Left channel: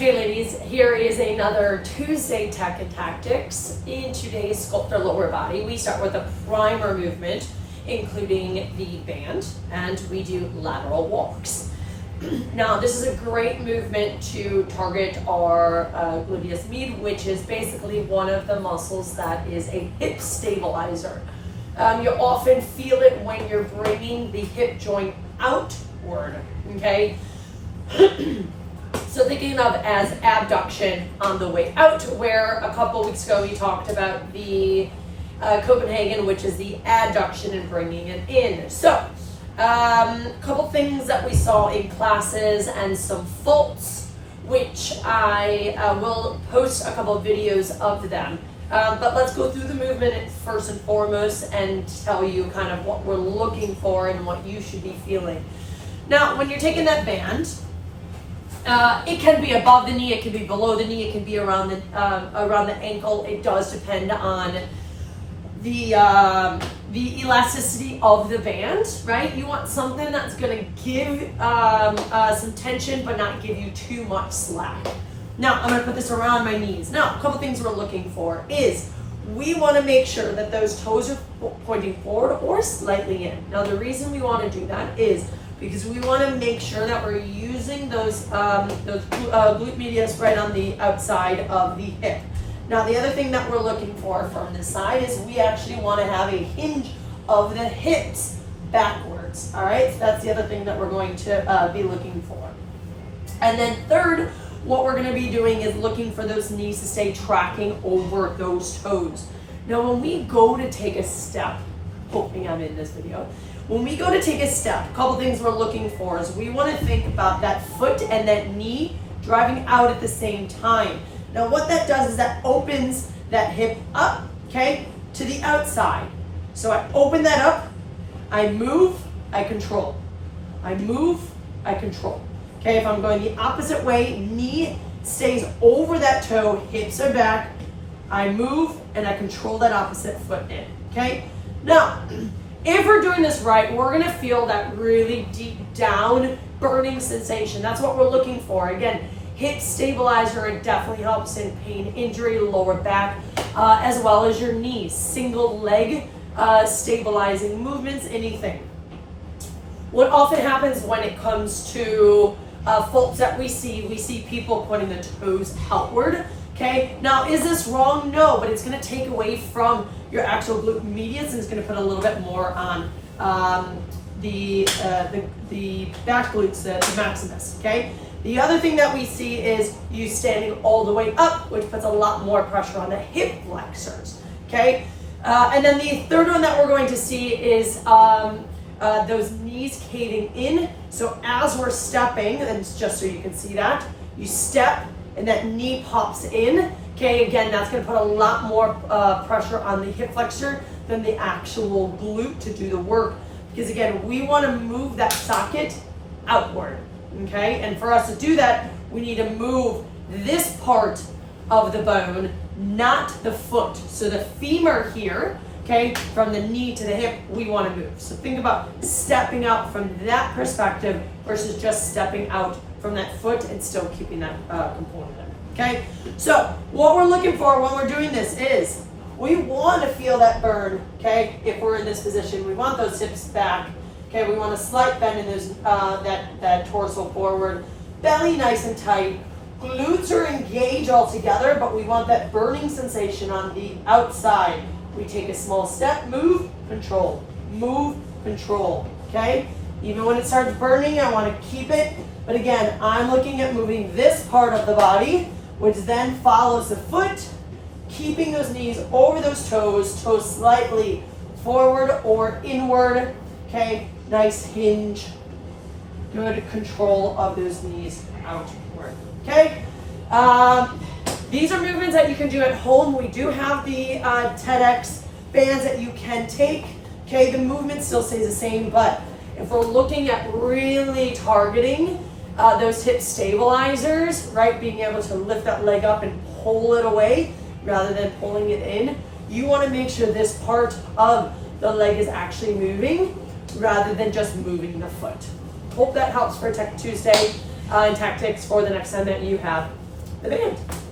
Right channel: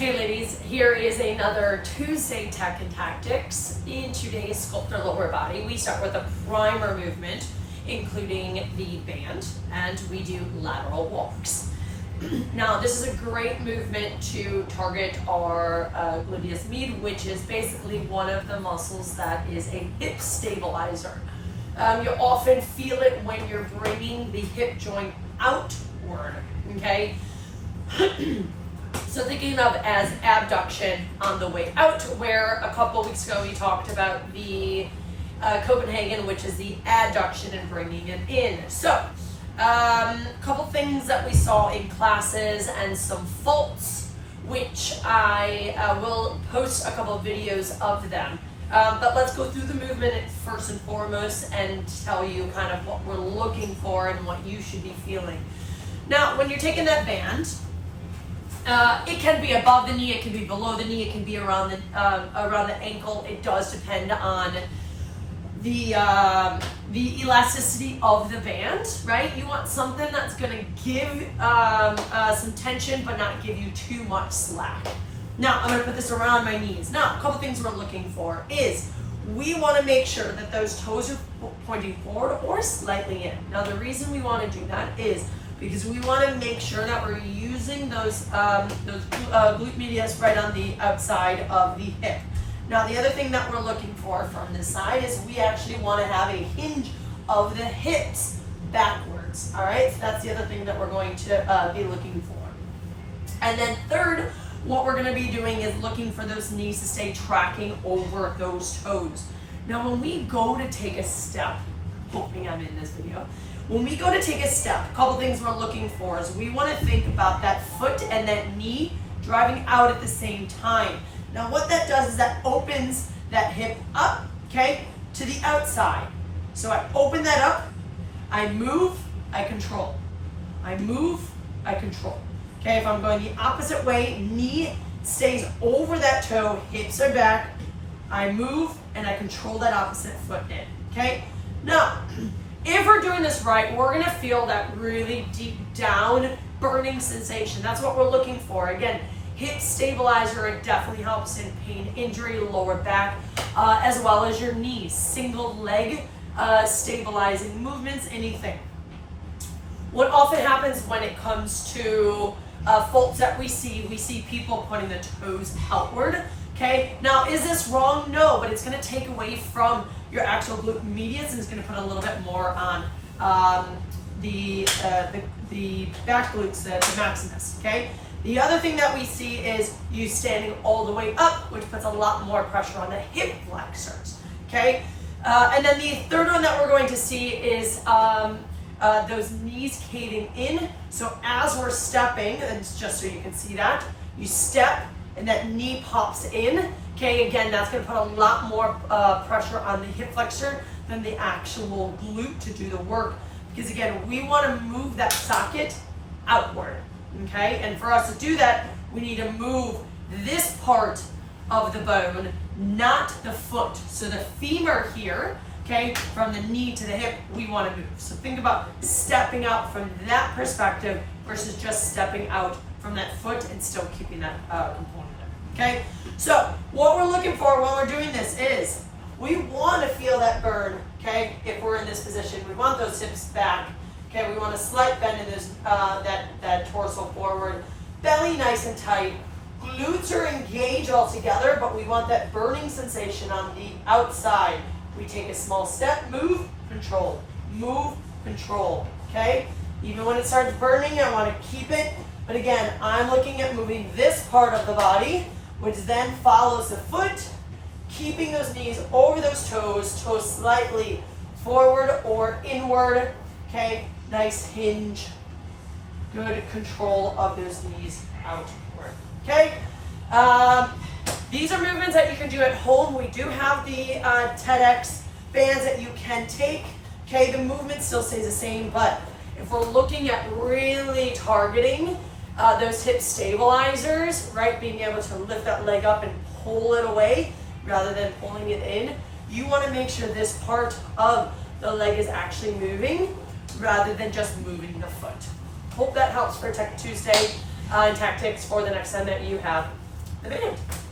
Hey ladies, here is another Tuesday Tech and Tactics. In today's Sculpt Our Lower Body, we start with a primer movement, including the band, and we do lateral walks. Now, this is a great movement to target our gluteus medius, which is basically one of the muscles that is a hip stabilizer. You often feel it when you're bringing the hip joint outward, okay? So thinking of as abduction on the way out, where a couple weeks ago we talked about the Copenhagen, which is the adduction and bringing it in. So a couple things that we saw in classes and some faults, which I will post a couple videos of them. But let's go through the movement first and foremost and tell you kind of what we're looking for and what you should be feeling. Now, when you're taking that band, it can be above the knee, it can be below the knee, it can be around the ankle. It does depend on the elasticity of the band, right? You want something that's going to give some tension but not give you too much slack. Now, I'm going to put this around my knees. Now, a couple things we're looking for is we want to make sure that those toes are pointing forward or slightly in. Now, the reason we want to do that is because we want to make sure that we're using those glute medius right on the outside of the hip. Now, the other thing that we're looking for from this side is we actually want to have a hinge of the hips backwards, all right? So that's the other thing that we're going to be looking for. And then third, what we're going to be doing is looking for those knees to stay tracking over those toes. Now, when we go to take a step, hoping I'm in this video, when we go to take a step, a couple things we're looking for is we want to think about that foot and that knee driving out at the same time. Now, what that does is that opens that hip up, okay, to the outside. So I open that up, I move, I control. I move, I control. Okay, if I'm going the opposite way, knee stays over that toe, hips are back, I move, and I control that opposite foot in, okay? Now, if we're doing this right, we're gonna feel that really deep down burning sensation. That's what we're looking for. Again, hip stabilizer, it definitely helps in pain, injury, lower back, as well as your knees. Single leg stabilizing movements, anything. What often happens when it comes to faults that we see people pointing the toes outward. Okay, now is this wrong? No, but it's going to take away from your actual glute medius and it's going to put a little bit more on the back glutes, the maximus. Okay. The other thing that we see is you standing all the way up, which puts a lot more pressure on the hip flexors. Okay, and then the third one that we're going to see is those knees caving in. So as we're stepping, and just so you can see that, you step and that knee pops in. Okay, again, that's going to put a lot more pressure on the hip flexor than the actual glute to do the work. Because again, we want to move that socket outward. Okay, and for us to do that, we need to move this part of the bone, not the foot. So the femur here, okay, from the knee to the hip, we want to move. So think about stepping out from that perspective versus just stepping out from that foot and still keeping that component in, okay? So what we're looking for when we're doing this is we want to feel that burn, okay? If we're in this position, we want those hips back, okay? We want a slight bend in those, that torso forward, belly nice and tight, glutes are engaged all together, but we want that burning sensation on the outside. We take a small step, move, control, okay? Even when it starts burning, I want to keep it. But again, I'm looking at moving this part of the body, which then follows the foot, keeping those knees over those toes slightly forward or inward, okay? Nice hinge, good control of those knees outward, okay? These are movements that you can do at home. We do have the TEDx bands that you can take, okay? The movement still stays the same, but if we're looking at really targeting those hip stabilizers, right? Being able to lift that leg up and pull it away rather than pulling it in. You want to make sure this part of the leg is actually moving rather than just moving the foot. Hope that helps for Tech Tuesday and tactics for the next time that you have. the band.